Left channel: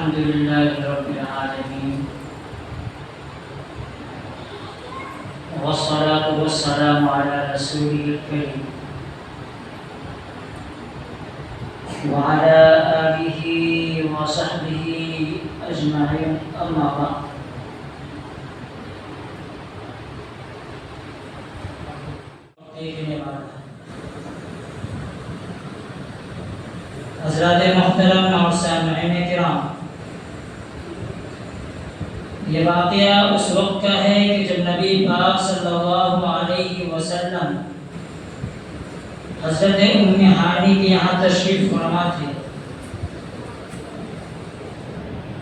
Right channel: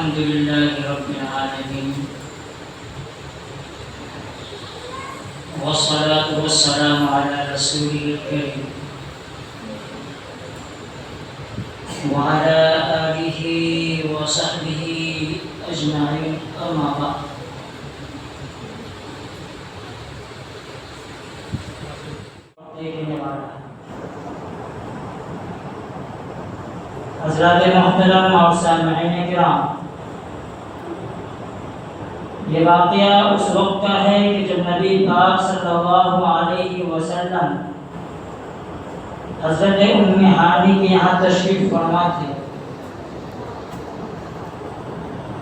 الحمد لله رب العالمين والصلاة والسلام على رسوله الكريم وعلى آله وصحبه أجمعين أما بعد حضرات محترم اور سامعین کرام، یہ واقعہ اس وقت کا ہے کہ جب نبی پاک صلی اللہ علیہ وسلم حضرت ام ہانی کے یہاں تشریف فرما تھے۔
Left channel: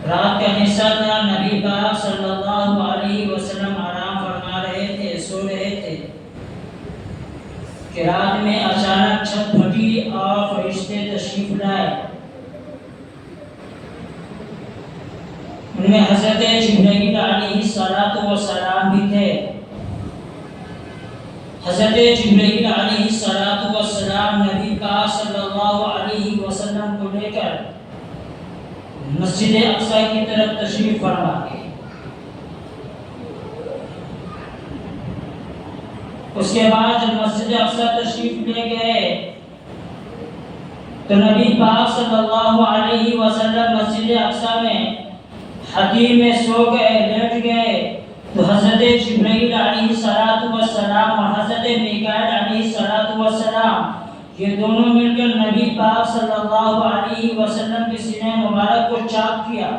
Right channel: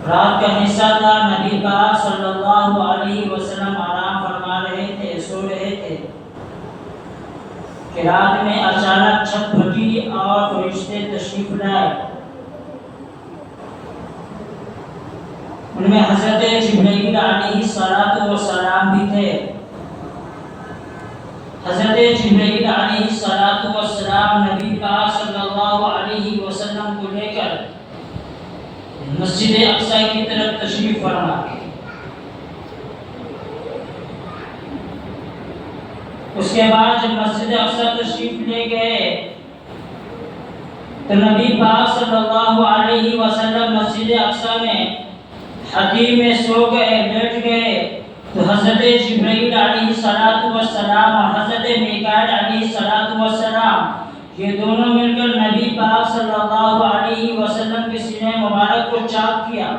رات کا حصہ تھا، نبی پاک صلی اللہ علیہ وسلم آرام فرما رہے تھے، سو رہے تھے کہ رات میں اچانک چھت پھٹی اور فرشتے تشریف لائے۔ ان میں حضرت جبرائیل علیہ السلام بھی تھے۔ حضرت جبرائیل علیہ السلام نبی پاک صلی اللہ علیہ وسلم کو لے کر مسجد اقصی کی طرف تشریف فرما گئے۔ اس کے بعد جب مسجد اقصی تشریف لے گئے تو نبی پاک صلی اللہ علیہ وسلم مسجد اقصی میں حتیم میں سو گئے، بیٹھ گئے تو حضرت جبرائیل علیہ السلام اور حضرت میکائیل علیہ السلام یہ دونوں مل کر نبی پاک صلی اللہ علیہ وسلم کے سینے مبارک کو چاک کیا۔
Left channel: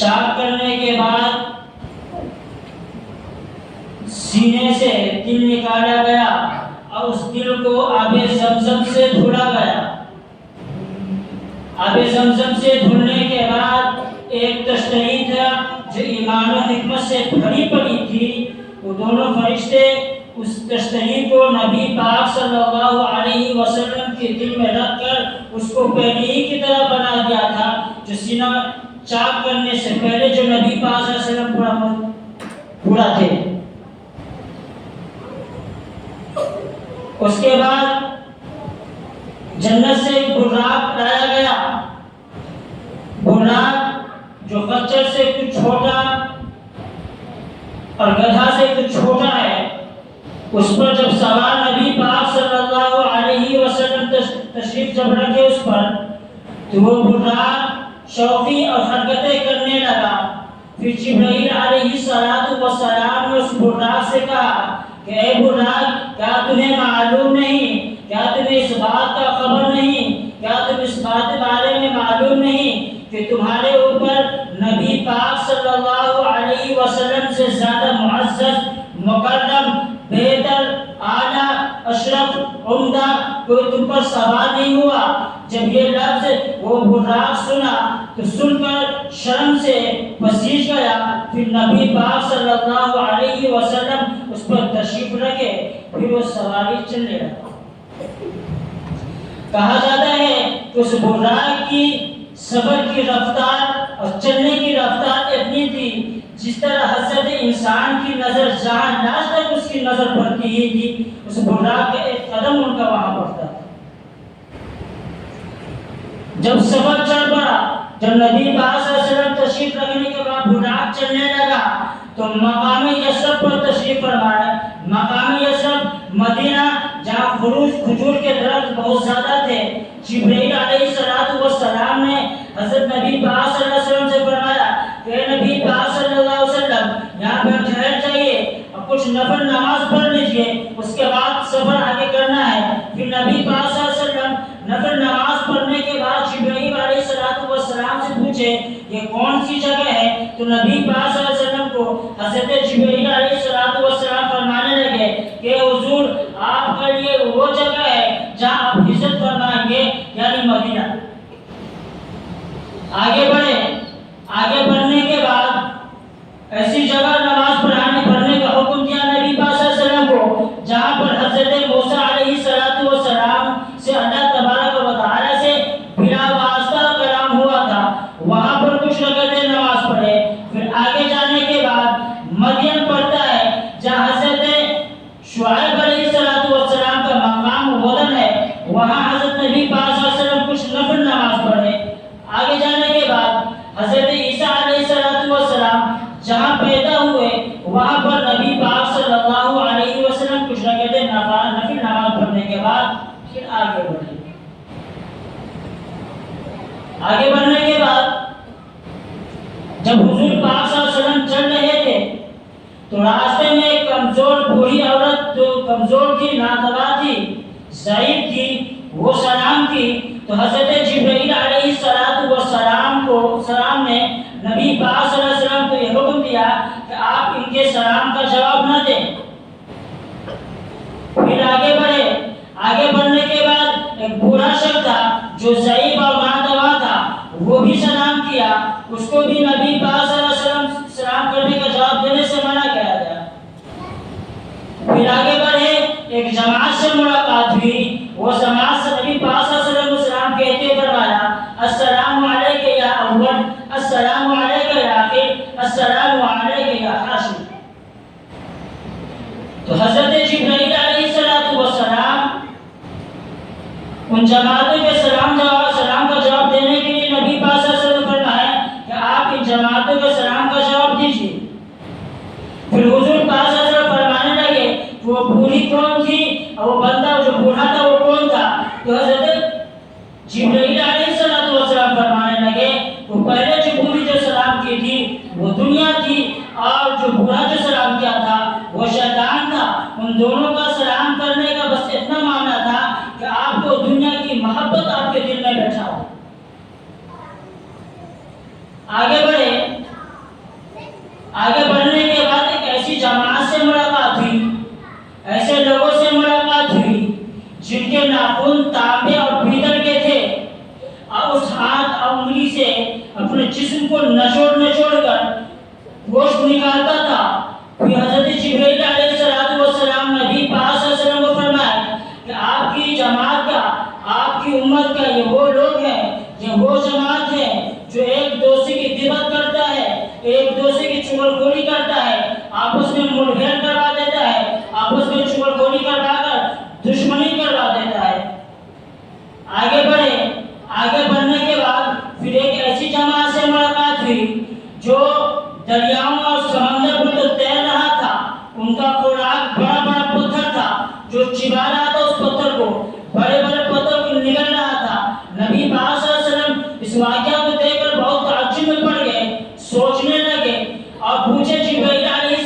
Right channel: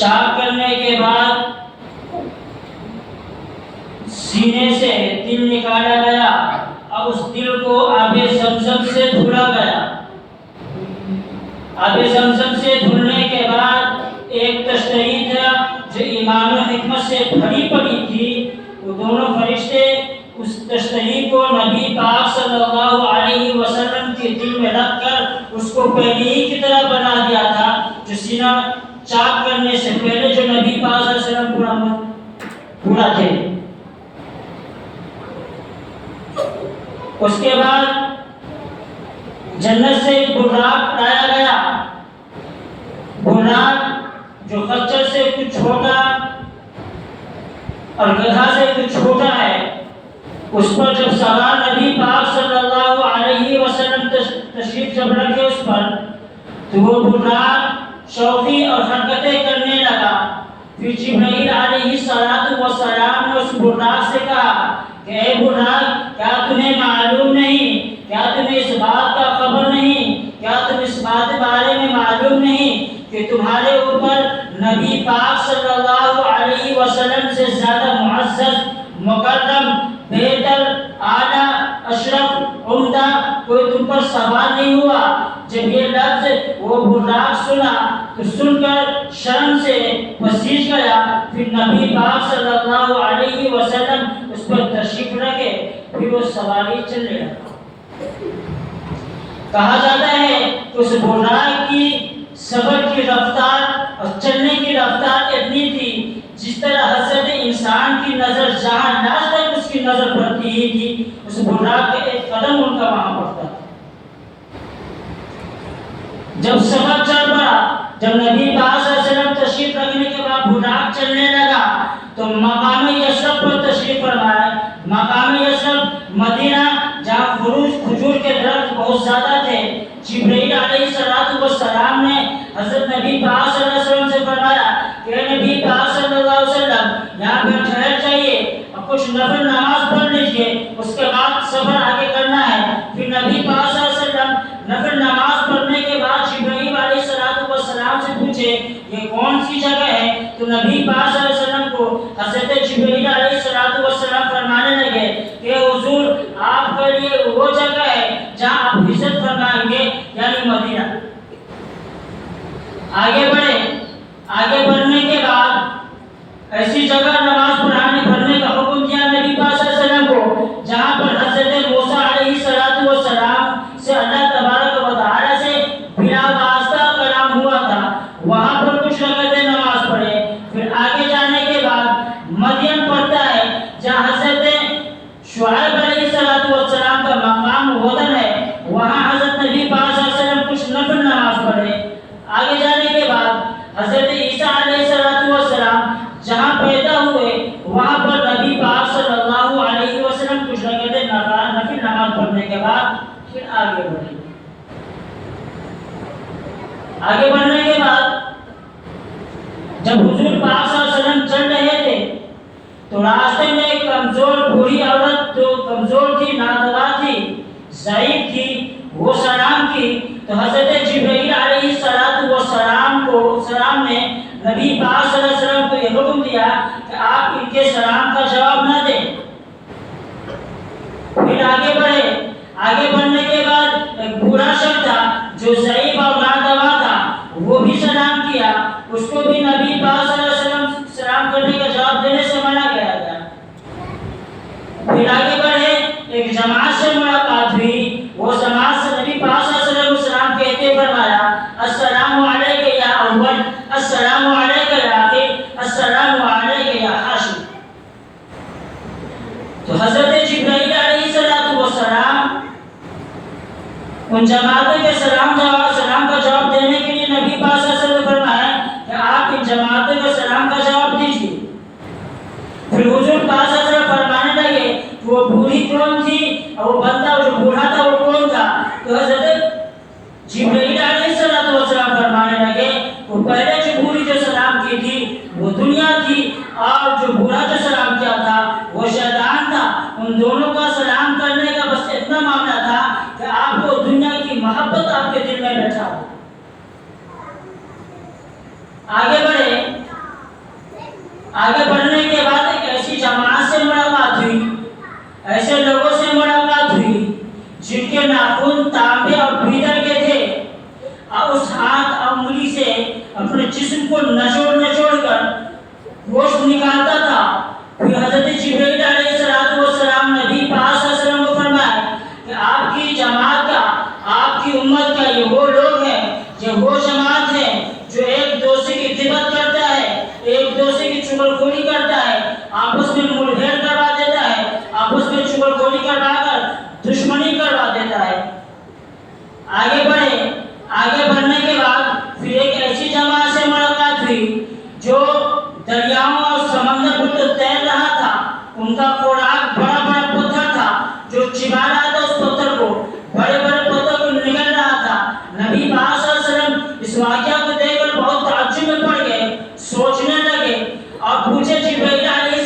چاک کرنے کے بعد سینے سے دل نکالا گیا اور اس دل کو آب زمزم سے دھلا گیا۔ آب زمزم سے دھلنے کے بعد ایک تشریح تھا جو ایمان و حکمت سے بھری پڑی تھی، وہ دونوں فرشتے اس تشریح کو نبی پاک صلی اللہ علیہ وسلم کے دل میں رکھ کر اس کو پہلی ہی کی طرح بنا دیا تھا جو سینہ چاک کرنے سے پہلے جو نبی پاک صلی اللہ علیہ وسلم پورا تھے۔ اس کے بعد جنت سے ایک براق لایا گیا، براق جو خچر سے کچھ چھوٹا اور گدھا سے کچھ چھوٹا ہے، اس پر جب سوار نبی پاک صلی اللہ علیہ وسلم تشریف جب رکھے اس پر تو وہ براق شوخی اور حرکتیں کرنے لگا۔ پھر جبرائیل علیہ السلام نے اس براق سے کہا کہ اے براق، کیا تمہیں معلوم نہیں، کیا تمہیں اس بات کا خبر نہیں، کیا تم اس بات بارے میں معلوم نہیں کہ تمہارے اوپر نبی پاک صلی اللہ علیہ وسلم سے زیادہ معزز، مکرم، بہتر، اعلیٰ، اشرف، عمدہ کوئی تم پر سوار نہیں ہوا؟ جب یہ لفظ وہ براق سنا تو سن کر شرم سے پسیج گیا۔ پھر نبی پاک صلی اللہ علیہ وسلم اس پر تشریف رکھے، پھر وہ سواری چلنے لگا۔ کہا جاتا ہے کہ اس براق کی صبر کی رفتار اور چلنے کی رفتار اتنی تھی جس طرح حضرت انسان کی نظر جہاں لاج تک اس کی نظر پڑتی ہی تھی، اس براق کا ایک قدم ان کا وہاں پڑتا تھا۔ جب صبر چل پڑا، جب نبی پاک صلی اللہ علیہ وسلم تشریف رکھنے کے بعد براق چلنے لگا تو مقام یثرب پر تشریف فرمایا۔ مقام یثرب مدینہ جہاں کھجور کے درخت بہت زیادہ تھے، جبرائیل علیہ السلام نے حضرت نبی پاک صلی اللہ علیہ وسلم سے فرمایا کہ نبی پاک صلی اللہ علیہ وسلم یہاں پر ٹھہر جائیے اور کچھ نفل نماز پڑھ لیجئے، اس کے بعد سفر آگے کرنا ہے۔ پھر نبی پاک صلی اللہ علیہ وسلم نفل نماز پڑھنے کے بعد جبرائیل علیہ السلام سے پوچھے یہ کون سی جگہ ہے؟ تو نبی پاک صلی اللہ علیہ وسلم کو حضرت جبرائیل علیہ السلام فرمانے لگے کہ حضور آپ کے لیے وہ جگہ ہے جہاں آپ ہجرت فرمائیں گے، یعنی مدینہ۔ آگے بڑھے، آگے بڑھنے کے بعد ایسی جگہ نماز پڑھنے کا حکم دیا نبی پاک صلی اللہ علیہ وسلم کو جہاں پر حضرت موسیٰ علیہ السلام سے اللہ تبارک و تعالی سے بلا واسطہ کلام ہوا تھا، وہاں پر کچھ رکعتیں نماز پڑھے۔ پھر آگے جانے کے بعد مدین پڑتا ہے جہاں حضرت شعیب علیہ السلام کا مقام وطن ہے، وہاں حضرت نبی پاک صلی اللہ علیہ وسلم کچھ نفل نماز آگے بڑھے. آگے بڑھنے کے بعد جب حضور پاک صلی اللہ علیہ وسلم چل رہے تھے تو راستے میں ایک کمزور بوڑھی عورت جو کمزور تھی، نادوا تھی، ضعیف تھی، وہ سلام کی تو حضرت جبرائیل علیہ السلام نے نبی پاک صلی اللہ علیہ وسلم کو یہ حکم دیا کہ آپ ان کے سلام کا جواب نہ دیں. پھر آگے بڑھے. آگے بڑھنے کے بعد ایک بوڑھا شخص تھا جو ضعیف اور نادوا تھا، وہ بھی سلام کیا، اس کو بھی نبی پاک صلی اللہ علیہ وسلم سلام کرنے کا جواب دینے سے منع کیا گیا. پھر آگے بڑھے. ایک جماعت سے ملاقات ہوئی، وہ جماعت سے نبی پاک صلی اللہ علیہ وسلم سلام کہتے فرمایا السلام علیک یا اول، السلام علیک یا آخر، السلام علیک یا حاشر. تو حضرت جبرائیل علیہ السلام ان جماعتوں کے سلام کا جواب دینے کے لیے نبی پاک صلی اللہ علیہ وسلم فرمایا کہ آپ ان جماعتوں کے سلام کا جواب دیجیے. پھر حضور پاک صلی اللہ علیہ وسلم فرمانے لگے وہ بوڑھی کون تھی اور وہ بندہ جو بوڑھا تھا وہ کون تھا. تو حضرت جبرائیل علیہ السلام فرمانے لگے وہ پہلے جو بوڑھی جو سلام کی تھی وہ دنیا تھی، اور جو بوڑھا جو سلام کیا تھا وہ شیطان تھا. ان دونوں کا سلام کرنے کا بس اتنا معاملہ تھا کہ آپ کو دنیا کی محبت آپ کے دل میں بیٹھا ہو. آگے بڑھے. آگے بڑھنے کے بعد ایک ایسی جماعت سے ملاقات ہوئی، ایسے لوگوں سے ملاقات ہوئی جن کے ناخن تانبے اور پیتل کے تھے، اور اس ہاتھ اور انگلی سے اپنے جسم کو نچوڑ کر گوشت نکالتا تھا. پھر حضرت جبرائیل علیہ السلام نبی پاک صلی اللہ علیہ وسلم کو فرمایا کہ آپ کی جماعت کا، آپ کی امت کا یہ وہ لوگ ہیں، یہ وہ جماعت ہے جو ایک دوسرے کی غیبت کرتا ہے، ایک دوسرے کی چغلخوری کرتا ہے، آپس میں مڑبھیڑ کروا دیتا ہے، آپس میں چغلخوری کروا کر دشمنی کروا دیتا ہے. آگے بڑھے. آگے بڑھنے کے بعد پھر ایک ایسی جماعت سے ملاقات ہوئی جو دریاؤں اور سمندر پر تیر رہا تھا. ان کا خوراک بڑا بڑا پتھر تھا، جو چبا رہا تھا اس پتھر کو، بڑے بڑے پتھر کو نگل رہا تھا. نبی پاک صلی اللہ علیہ وسلم اس واقعہ کو دیکھ کر بہت تعجب میں پڑ گئے، سوچنے لگے اور پوچھے جبرائیل علیہ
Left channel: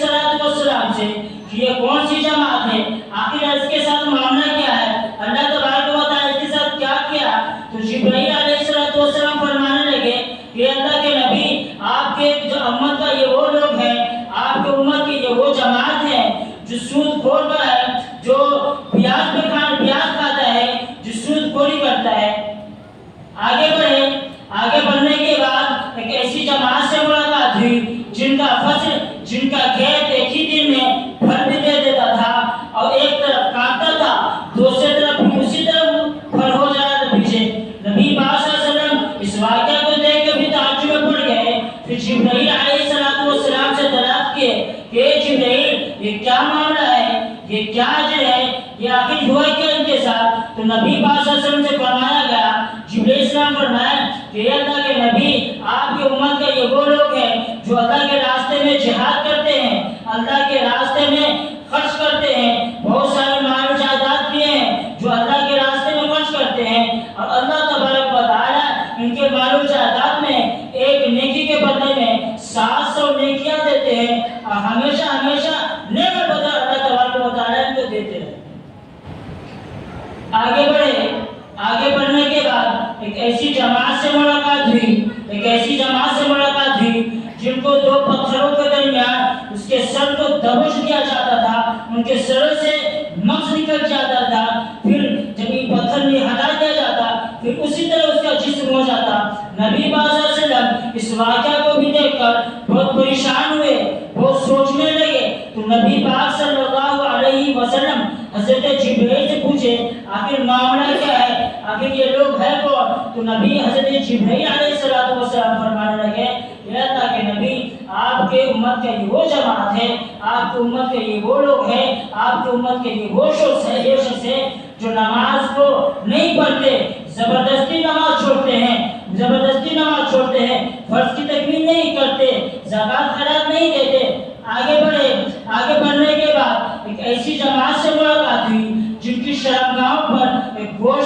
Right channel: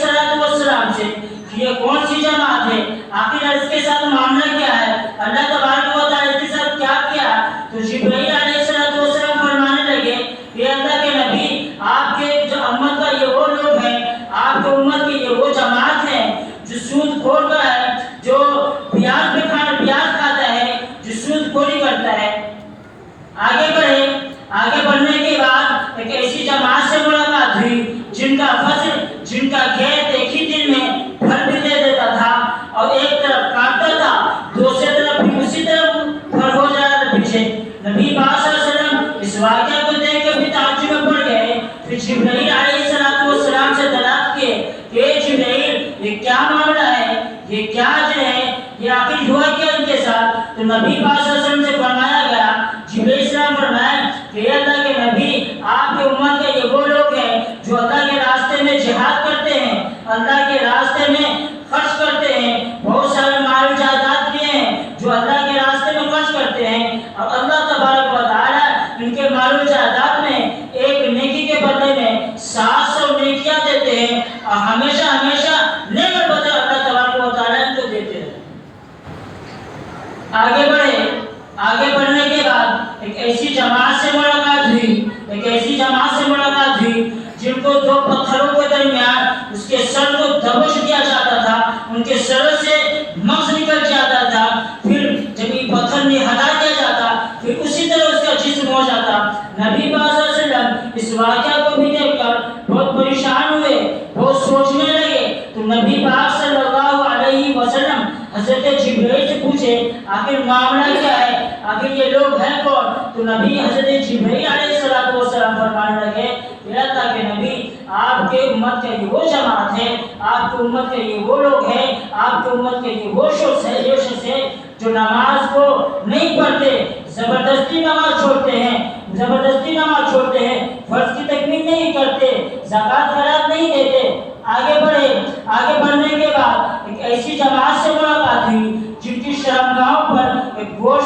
السلام سے کہ یہ کون سی جماعت ہے، آخر اس کے ساتھ معاملہ کیا ہے، اللہ تبارک و تعالیٰ اس کے ساتھ کیا کیا. تو جبرائیل علیہ السلام فرمانے لگے کہ اللہ کے نبی، آپ کے جو امت کا یہ وہ لوگ ہیں، آپ کے امت کی یہ وہ جماعت ہے جو سود خور کا ہے، جو پیاز کھاتا ہے، جو سود خوری کرتا ہے. آگے بڑھے. آگے بڑھنے کے بعد ایک ایسی جماعت سے ملاقات ہوئی جن کا فصل، جن کا کھیت ایک ہی دن میں پھل بھی دے دیتا تھا، اور ایک طرف کاٹتا تھا، دوسری طرف بھی اسی طرف پھل ہو جاتا تھا پیچھے. نبی پاک صلی اللہ علیہ وسلم اس واقعہ کو دیکھ کر بھی تعجب میں پڑ گئے. پھر جبرائیل علیہ السلام سے دریافت کیے کہ جبرائیل یہ کیا معاملہ ہے، یہ کیا اجر ہے، یہ آخر ہوا کیا ان کے ساتھ. تو نبی پاک صلی اللہ علیہ وسلم سے فرمایا گیا، جبرائیل السلام فرمایا کہ اللہ کے نبی، آپ کی امت کے یہ وہ لوگ ہیں جو اللہ کے راستے میں جہاد کرتے ہیں، اللہ کے راستے میں خرچ کرتے ہیں، بہت سارے مال جائیداد لیے ہیں جو اللہ کے راستے میں خرچ کرتے ہیں، اور اللہ تبارک و تعالیٰ ان کے مال و جائیداد میں ایک نیکی کے بدلے میں 700 نیکیاں دیتے ہیں، اور ہمیشہ نیک بدلے اللہ تبارک و تعالیٰ ان کو دیتے ہیں. آگے بڑھے. آگے بڑھنے کے بعد ایک ایسی جماعت سے ملاقات ہوئی جن کو دو پتھروں کے درمیان اس کے سر کو دبوچ دیا جاتا تھا، ان کے سر سے مغز نکل جاتا تھا، پھر جب یہ پتھر ہٹا دیا جاتا پھر اسی طرح اس کا جسم ہو جاتا. نبی پاک صلی اللہ علیہ وسلم اس واقعہ کو بھی دیکھ کر بہت پریشان ہوئے، بہت سوچنے لگے. تو نبی پاک صلی اللہ علیہ وسلم حضرت جبرائیل سے پوچھے آخر معاملہ کیا ہے، آخر یہ لوگ ہیں کون. تو نبی حضرت جبرائیل علیہ السلام فرمانے لگے کہ اللہ کے نبی، آپ کے امت کے یہ وہ جماعت ہے، آپ کی امت کے یہ وہ لوگ ہیں، آپ کی امت کے یہ وہ شخص ہے جو نماز کو نہیں پڑھتے، زبردستی نماز چھوڑتے ہیں، فرض کی تکمیل نہیں کرتے، زکوٰۃ خیرات نہیں دیتے. آگے بڑھنے کے بعد ایک ایسی جماعت سے ملاقات ہوئی جن کی شرمگاہوں پر ایک گوشت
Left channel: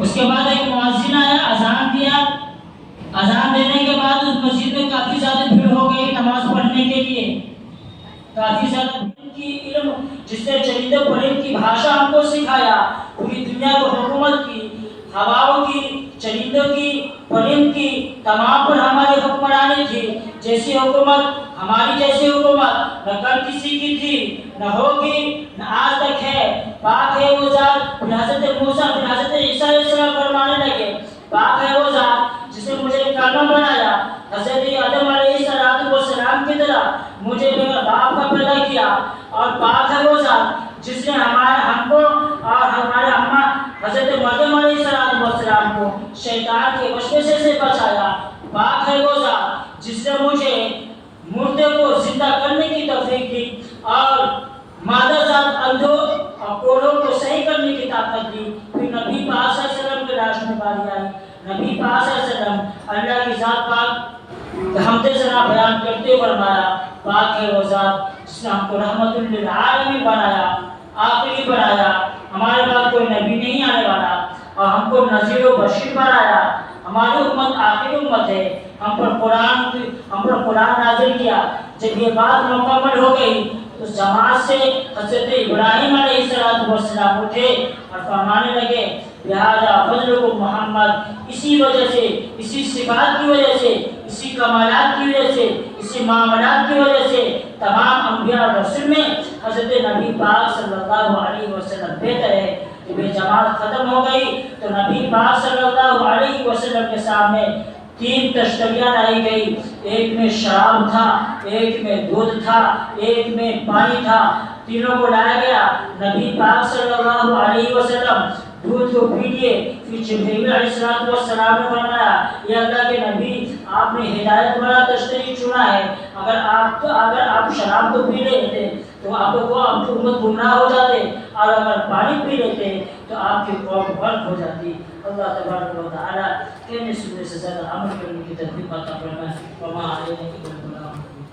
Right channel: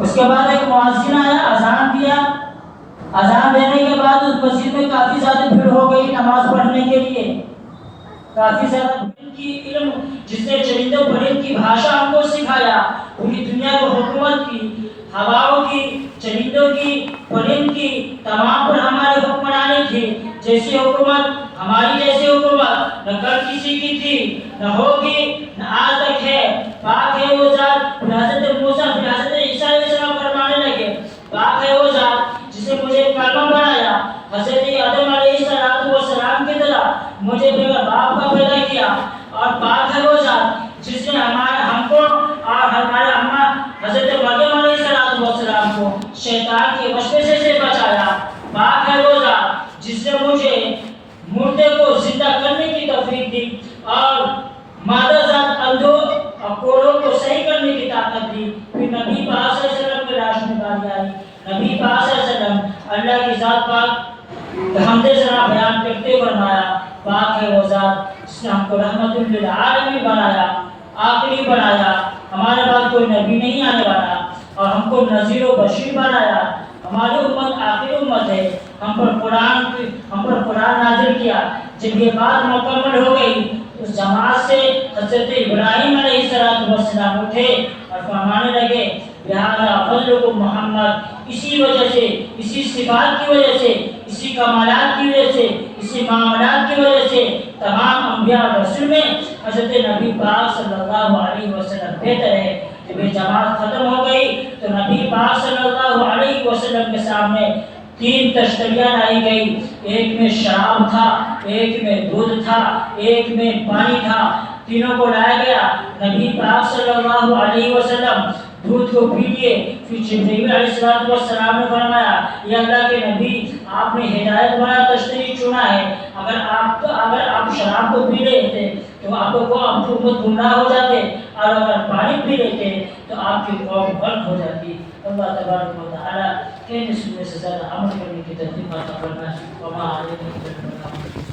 اس کے بعد ایک مؤذن آیا، اذان دیا، اذان دینے کے بعد اس مسجد میں کافی زیادہ بھیڑ ہو گئی نماز پڑھنے کے لیے، کافی زیادہ پرند کی علم، جس نے چرندے پرند کی بھاشا ہم کو سکھایا، پوری دنیا کو حکومت کی، ہواؤں کی، چرندوں کی، پرند کی، تمام پر ہماری حکمرانی تھی۔ جیسی حکومت، ہماری جیسی حکومت نہ کل کسی کی تھی، نہ ہوگی، نہ آج تک ہے۔ پاک ہے وہ ذات، پھر حضرت موسیٰ، پھر حضرت عیسیٰ علیہ السلام فرمانے لگے، پاک ہے وہ ذات جس نے مجھے کلمہ بنایا، حضرت آدم علیہ السلام کی طرح مجھے بغیر باپ کا پیدا کیا، اور پاک ہے وہ ذات جس نے ہم کو اور ہمارے اماں حضرت مریم علیہ السلام کو شیطان کے وسوسے سے بچایا۔ پاک ہے وہ ذات جس نے مجھے مردے کو زندہ کرنے کی توفیق دی اور مادہ ذات اندھوں اور کوڑوں کو صحیح کرنے کی طاقت دی۔ پھر نبی پاک صلی اللہ علیہ وسلم کے راش میں باری آئی۔ نبی پاک صلی اللہ علیہ وسلم اللہ کی ذات پاک حمد ثنا بیان کرتے فرمایا، پاک ہے وہ ذات جس نے ہم کو رحمت للعالمین بنایا، آخری بنایا، ہمارے بعد کوئی نبی نہیں آنے والا، اور ہم کو نذیر و بشیر بنایا۔ ہماری امت آخری امت ہے، ہم پر قرآن نازل کیا۔ جب یہ بات مکمل ہو گئی، اس جماعت سے حضرت ابراہیم علیہ السلام اٹھے اور فرمانے لگے، لہذا فضلکم محمد، اسی وجہ سے، اسی صفات کی وجہ سے، اسی کمالات کی وجہ سے، اسی معاملات کی وجہ سے تمام انبیاء اور رسول میں حضرت نبی پاک صلی اللہ علیہ وسلم بہتر ہے۔ جب یہ جماعت ختم ہو گئی تو نبی پاک صلی اللہ علیہ وسلم کے سامنے 3 تشتریاں لائی گئی، ایک میں شراب تھا، ایک میں دودھ تھا، ایک میں پانی تھا، تینوں کو لایا گیا۔ نبی پاک صلی اللہ علیہ وسلم دودھ کو پی لیے، پھر جبرائیل علیہ السلام نے فرمایا، یہ اللہ کے نبی، آپ نے ہدایت والا تشتری چنا ہے، اگر آپ شراب کو پی لیتے تو آپ کی امت گمراہ ہو جاتے، اور اگر پانی پی لیتے تو آپ کی قوم غرق ہو جاتی۔ اللہ تبارک و تعالی کہنے سننے سے زیادہ عمل کرنے کی توفیق عطا فرمائے۔ وما علینا الا البلاغ۔